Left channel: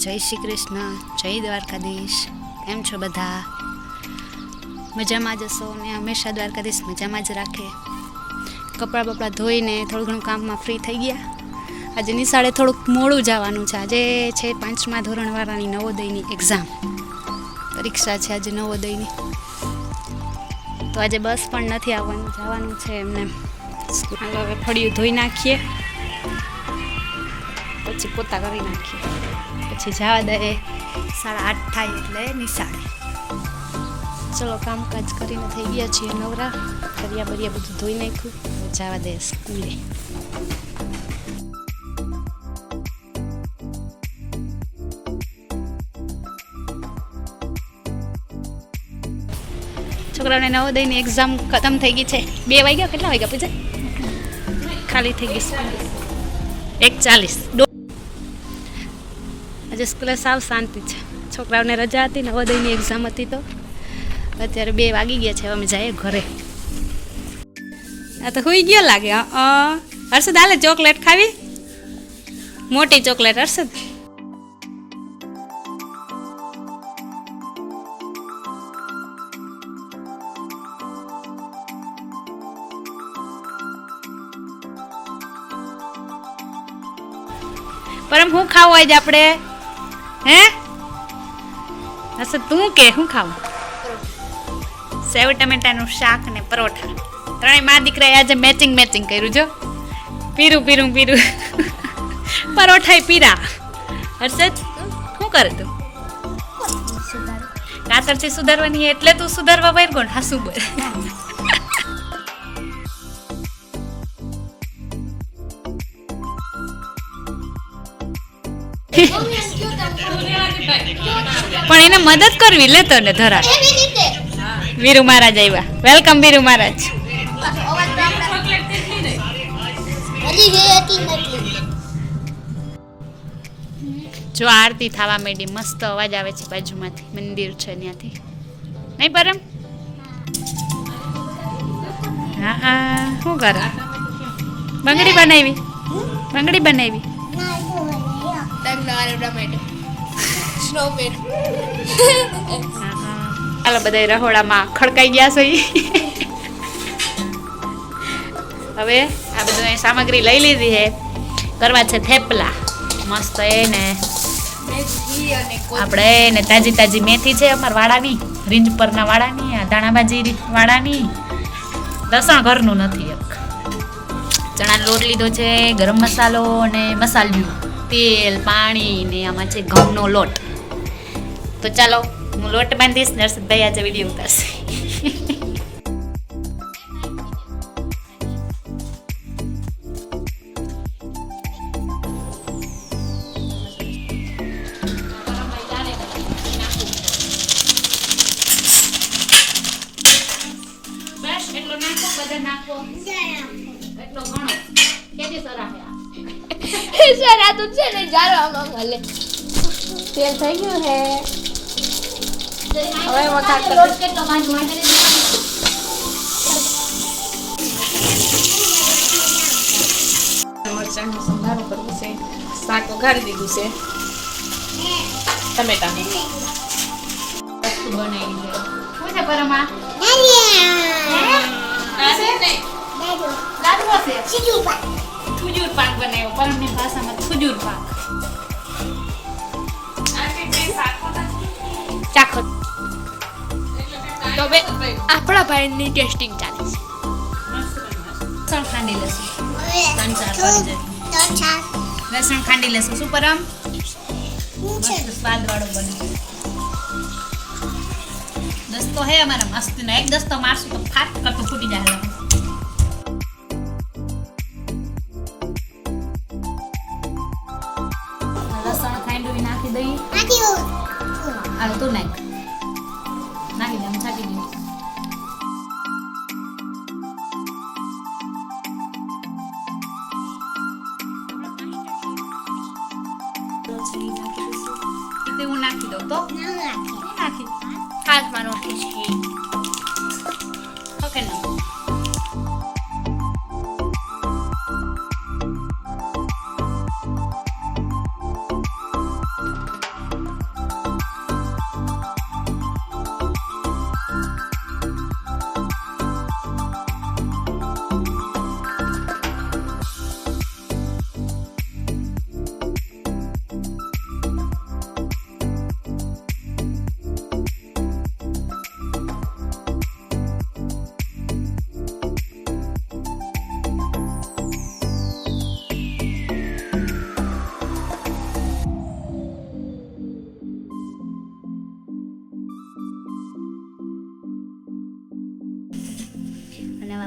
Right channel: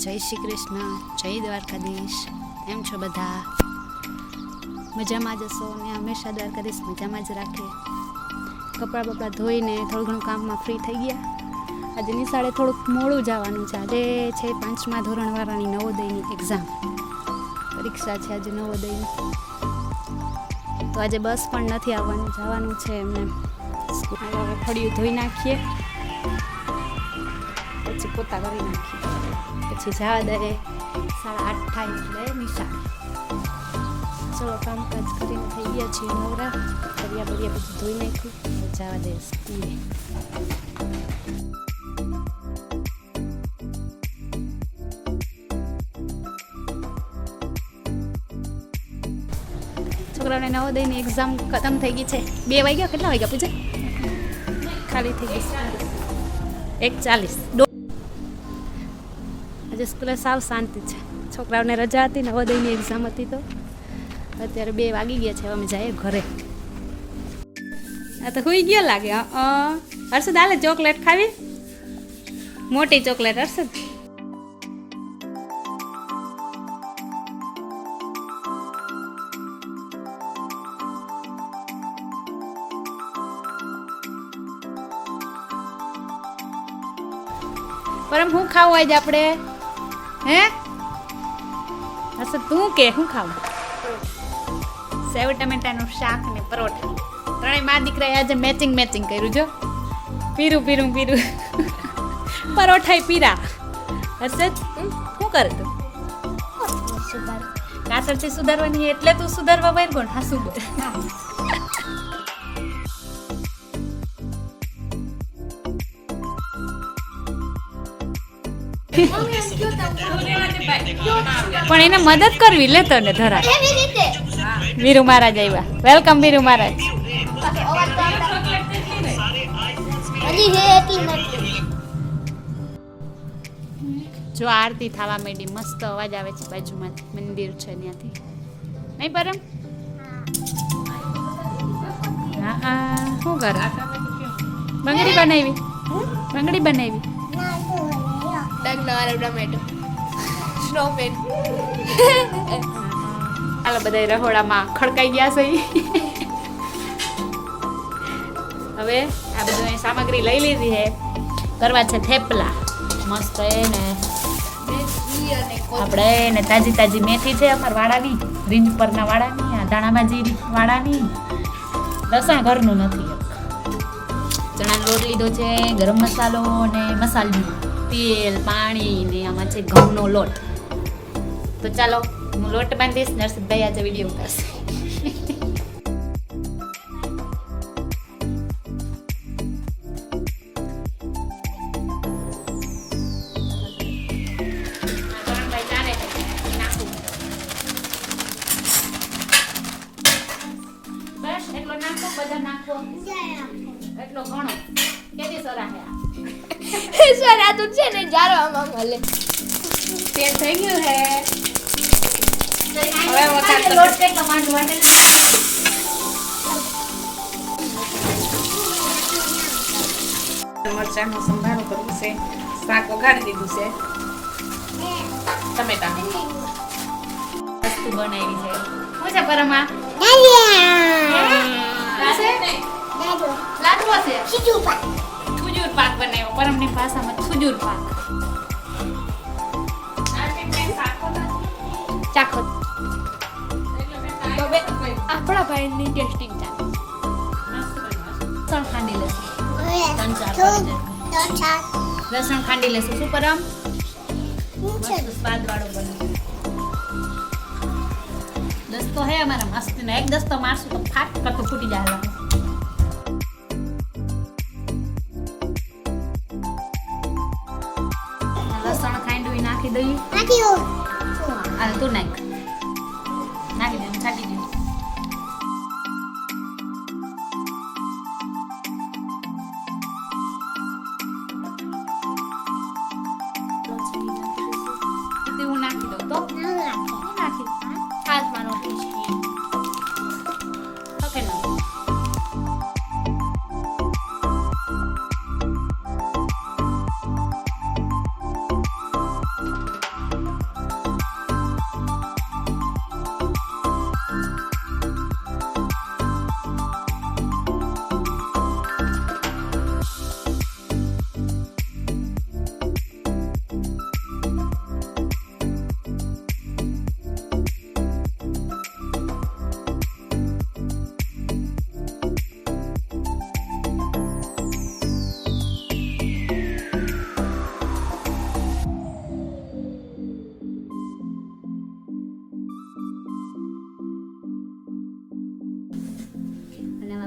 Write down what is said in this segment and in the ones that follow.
જય શ્રી કૃષ્ણ, જય દ્વારકાધીશ. કેમ છો બધા? મજામાં જ હશો ને? હંમેશા દ્વારકાધીશ મજામાં જ રાખે. કપડાં બપડા ધોઈને થોડું ઘણું કામમાં ફ્રી થઈ ગયા. આજે નિશાળે થોડુંક મોડું જવાનું છે. આજે છે 5મા ધોરણવાળાની નવોદયની એક્ઝામ, પરીક્ષા છે આજે નવોદયની. તો આજે બસ પણ નથી આવવાનું, જવાનું છે એમને. હાલો હવે ફળિયું ધોઈ નાખીએ, પછી પોતા કરી નાખીએ, પછી જવા દે. 8:30 થાય એટલે નિશાળે. ચલો કામકાજ કરીને થઈ ગયા છીએ નવરા. કરિયા બરિયા બધું ધોઈ નાખ્યું, હવે જવા દે સ્કૂલે. છોકરાઓને નવોદયની એક્ઝામ ખતમ થઈ ગઈ છે. 2 વાગ્યા, કેટલા વાગ્યા પૂછે? ખાલી થઈ ગઈ સ્કૂલ. 1:40. આજે સ્કૂલે સાવ શાંતિ છે. છોકરાઓને રજા હતી, નવોદયની એક્ઝામ હતી, તો અત્યારે 2 વાગી ગયા છે. હવે અમે જઈએ ઘરે. આ તો હુઈ ગયો લાગે. હર્ષદ હાલે ચોકલેટ ખાવી? મોટી ચોકલેટ હર્ષદ. પરમ શું ખાવું આજે આપણે? હે હર્ષદ તું કે શું ખાવું? સેવ ટમેટાનું શાક ને પરોઠા. ત્રણેય મા દીકરાએ આજે મેચિંગ કર્યું. જો પીરું પરોઠાય પીરા. હર્ષદ શું કરે તું? કાતરથી સુધારવાની એટલે તું સુધારવા બહાર કોણ? હા શું બોલ? પણ એને મદદ કરવી લે તને ધરા. વીરુ મહારાજ આવ્યા. વેલકમ વીરુ મહારાજ. જો આરતી થવા માંડી, મસ્ત અવાજ આવે છે બાજુમાંથી, મંદિર છે ત્યાંથી. નહીં પરમ? હા શું કરે? બંગડી બનાવી? હાલો બધા રહોડામાં ખડકાઈ ગયા છે. હવે આ બધું સામગ્રી લઈ લીધી છે. કરવા છે થેપલા મસ્ત. એને આપણે ને તાજી મેથી છે અમારા વાડાની, રીંજ પરના વાડાની, આ ધાણાભાજી વાડાની. લસણ ઘરનું નથી. એક ચણાનો લોટ લીધો છે, ગરમ મસાલો અને મસાલિયું, તેલ, પાણી ને આમાં છે ઘઉંનો લોટ. તો ચાલો હું લોટ બાંધીશ. નરસિંહભાઈ આજે વિડીયો ઉતારશે. સર આ તો છે ને જારો આમાં મળે. તેલ થઈ ગયું હે. હવે વખાત લોટ કે કમાન્ડ માટે મરચાંનો સંભારો કરવો છે. શાક વઘારી દીધું છે. ટમેટા વસ્તુ બનાવી છે. શું છે પરમાં? લાડવો છે. ખજૂર પાક બનાવ્યો. પરમની ભાષામાં ખજૂર પાક. ચાખો તો બે આપણા ભાઈની ટેસ્ટિંગ ચાલે છે. લસણ ખાંડી લેશું 3-4 લસણ ખાંડી લેશું. શું પરમ? મસ્ત સ્વાદ વાળો બને. દસ્તો હે અમારા મસ્ત નો. એક દસ્તો મારશું તો ફાટ કરતો ફૂટી જાય. લસણ ખાંડવી નાખી દઈએ. હાલ તું નાખી દે. આમ છાંટી દે. હું નાખી દઉં તો નાખી હાથમાં રોટી છે. ઓકે ના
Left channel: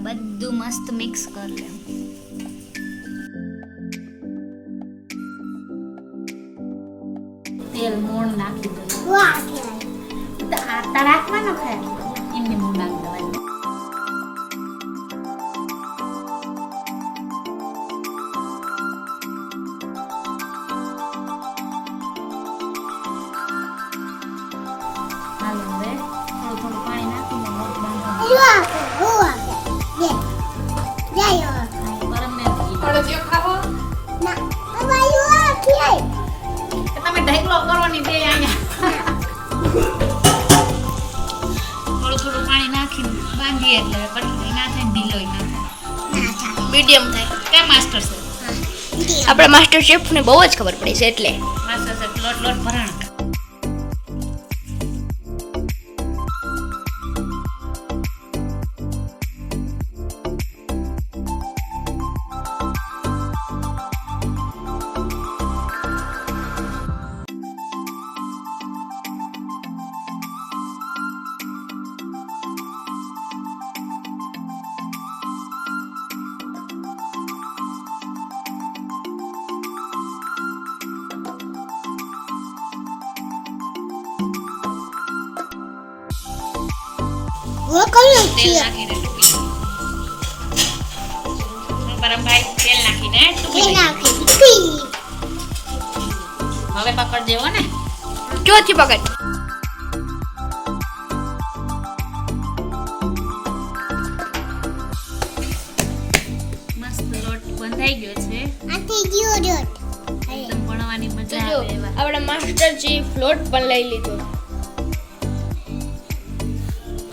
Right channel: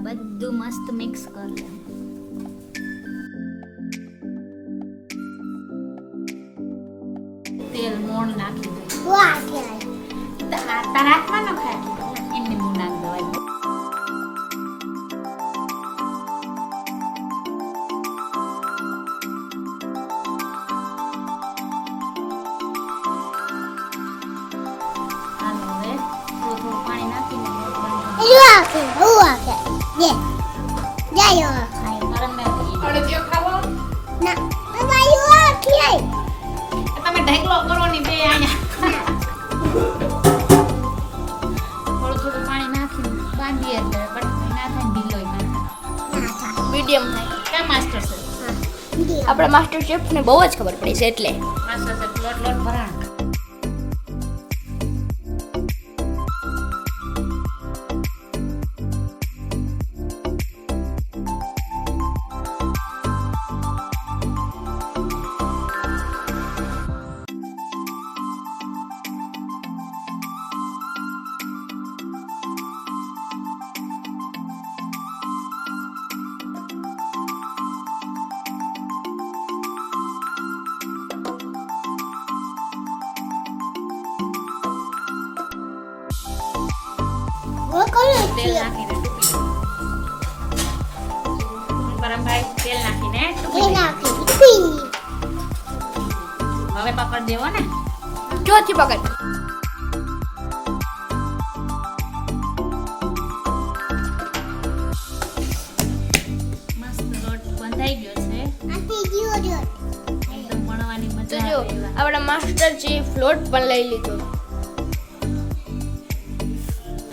બધું મસ્ત મિક્સ કર લે. તેલ મોણ નાખી દે. તારા હાથમાં ન ખાય એમને મોણ નાખી દેવાય. હાલો હવે થોડું પાણી નાખીને લોટ બાંધવાનો. પરમને અડદિયો ખાવો તમે ઢેકલો કરવાની બે અહીંયા. થોડું પાણી નાખીને બાંધીએ એટલે કઠણાઈ ના થાય ને ઢીલોય ના થાય. મીડિયમ થાય. ક્યાં માસ્ટર છે? આપણા માસ્ટર શેફ ને બહુ જ ખબર પડી છે એટલે માસ્ટર છે લોટ ભરાણ. તેલ નાખીને ટૂંકી દો. પરમભાઈ તેલ નાખીને ટૂંકી દો. હવે પકડ દેવો ને. ચોથી પકડ. મસ્ત લોટ બંધાઈ ગયો છે. એકદમ ભણવાની તો મજા જો આવે એવા. આપણા માસ્ટર શેફ લોટ પણ લઈ લીધો.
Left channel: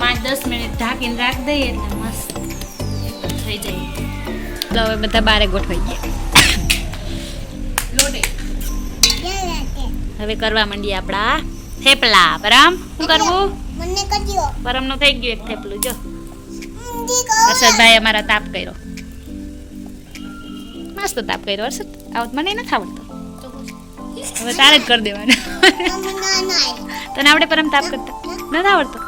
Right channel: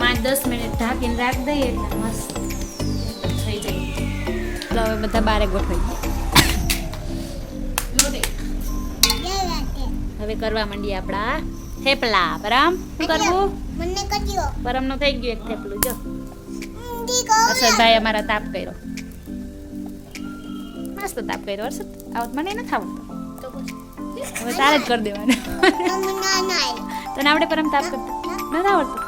5-10 મિનિટ ઢાંકીને રાખી દઈએ એટલે મસ્ત એકદમ થઈ જાય. તો હવે બધા બારે ગોઠવાઈ ગયા. લોટે હવે કરવા માંડીએ આપણા થેપલા. પરમ શું કરવું? મને કજો પરમનું થઈ ગયું એક થેપલું. જો દીકો હર્ષદભાઈ અમારા તાપ કર્યો. મસ્ત તાપ કર્યો હર્ષદ. આવત મને નથી આવડતો. હવે તારે જ કરી દેવાનું. મમ્મી ના ના તને આવડે પરમ તાપ કરતા? નથી આવડતો.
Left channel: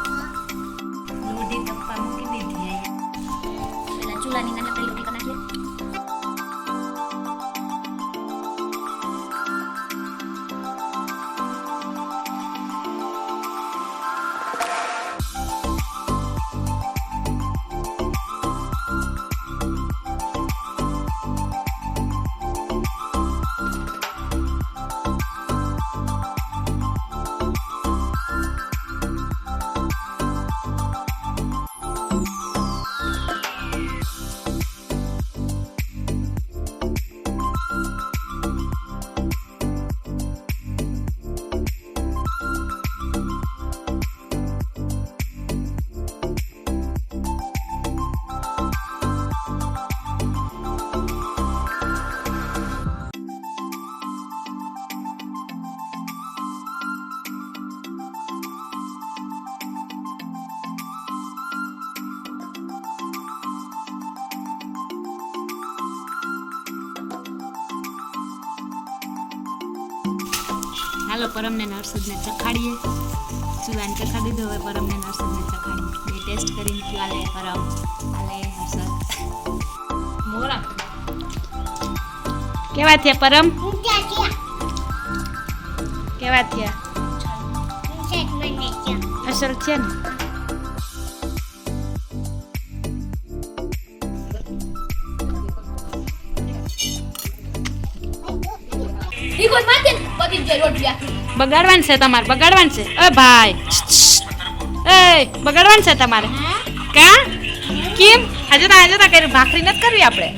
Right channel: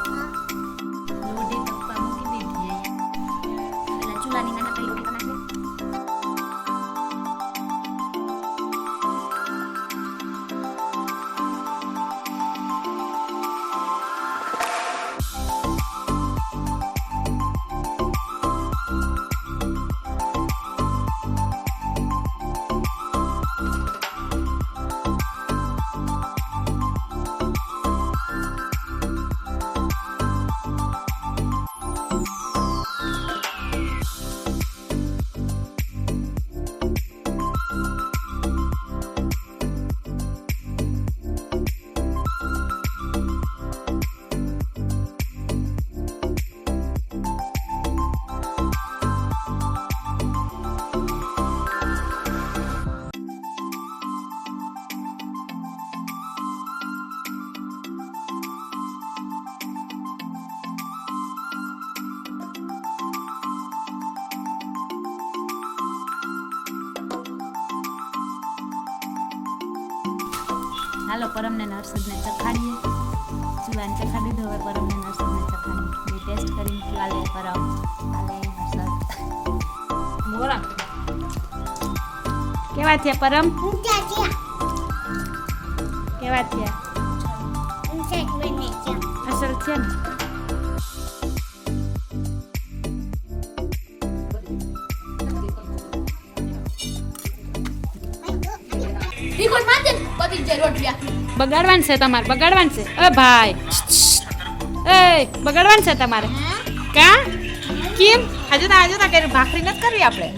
લોઢી તપવા મૂકી દીધી અહીંયા. પેલા ચૂલાની નાનકડી લોઢી બનાવી લે. હાલો પરમને ને હર્ષદને ચખાડીએ. ચૂલાને ચખા દીધો. હવે પરમને ને હર્ષદને ચખાડીએ. બે ટેસ્ટ કરીને ચાલે પરમ હાલે હર્ષદ. કેવા થયા પરમ? ઊંચા ચા કેવા થયા? ઊંચા મને ચા અસલ છે ને? દીકો માતે પતિ જ રોટિયા. બગાડવાનું છે તમારે? બગાડવાનું છે? એ ભાઈ એ બગાડવાનું છે તમારે? કા કેમ? હજુ તો કરી ભાખરી નથી કરવી આપણે?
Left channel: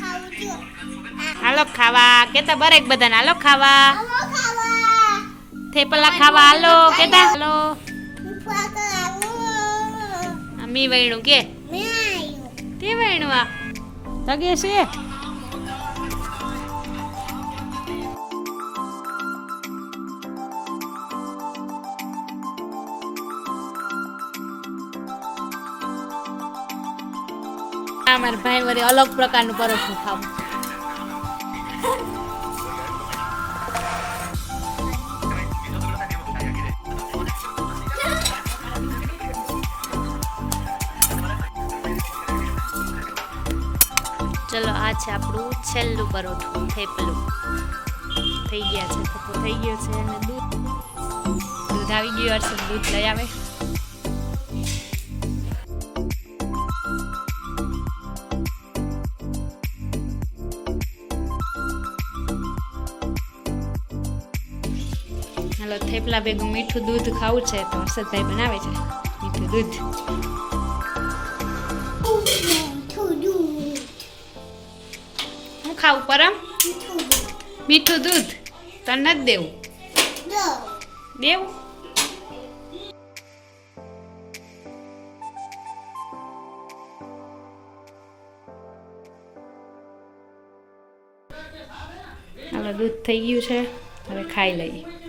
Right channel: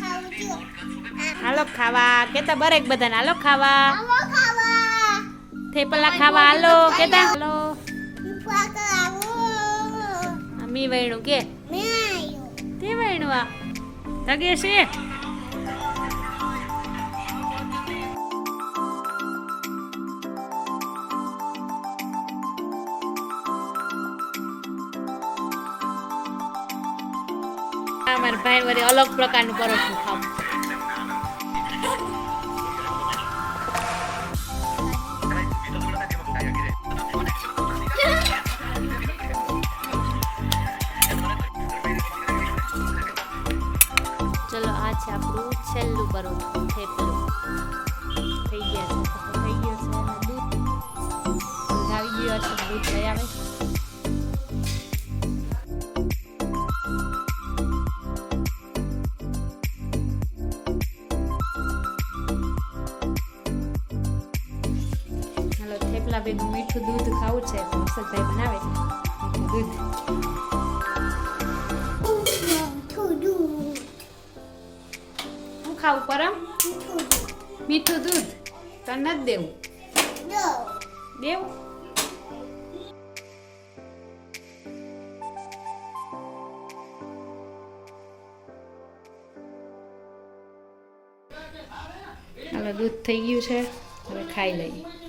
ખાવું જો હાલો ખાવા કેતા બરેક બધાને હાલો ખાવા. આવો ખાવા થેપલા ખાવા હાલો કેતા હાલો. પાકા આવો મી વૈણું કે મે આયો તે વૈણું આ તગે છે. અમારા ભાઈ વળી અલગ પ્રકારનું પરોઠું ખાવું. આ છે આપણું છેલ્લું પરોઠું થેપલું થઈ ગયા છે થપ્પો થઈ ગયો છે અને દૂધ આવી ગયું હર્ષદ દૂધ લઈ આવે હાલો થેપલા ભેગું મીઠું દૂધ ખાવું છે તો હર્ષદભાઈ બનાવે છે મીઠું દૂધ થોડું હું ખાવું પરમ થોડું મીઠું દૂધ તને નથી દેવું દો દેવું હાલો દૂધ થઈ ગયું છે હવે ખાઈ લઈએ